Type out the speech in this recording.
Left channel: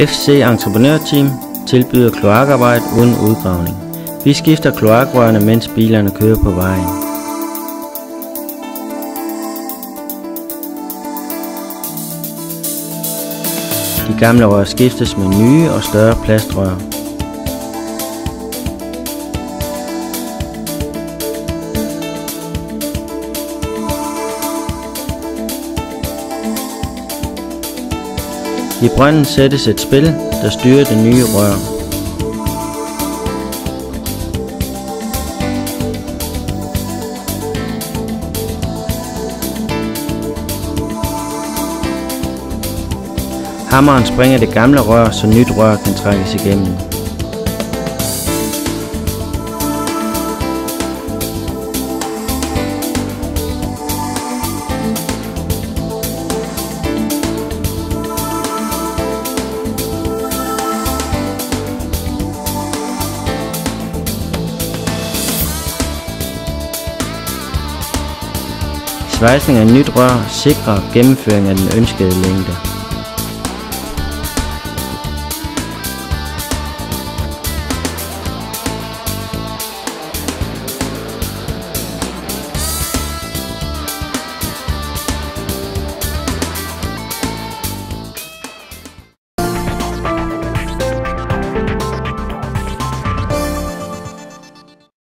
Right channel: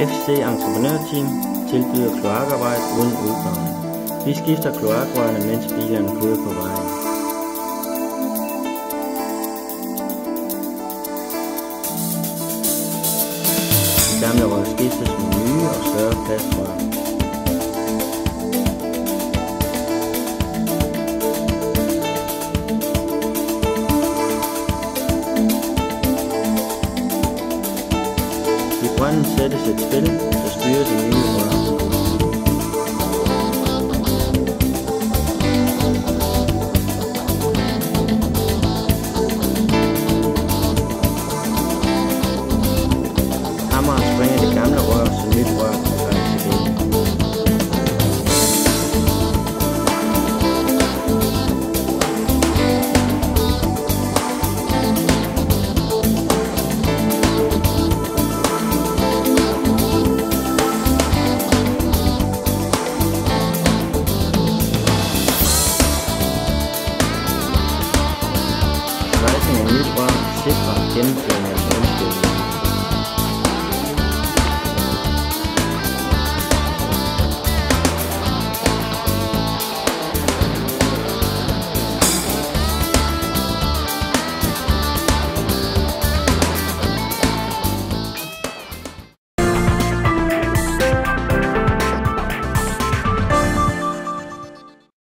FC Entreprenørteam tilbyder kloakarbejde uden udgravning. Vi skifter kloakrørene, mens bilerne kører på vejen. De gamle rør skiftes med nye og større plastrør. I brønden sættes et spil, der styrer det nye rør. Hammeren springer det gamle rør, så nyt rør kan trækkes igennem. Svejsning af nyt rør sikrer gennemføring af den ønskede længde.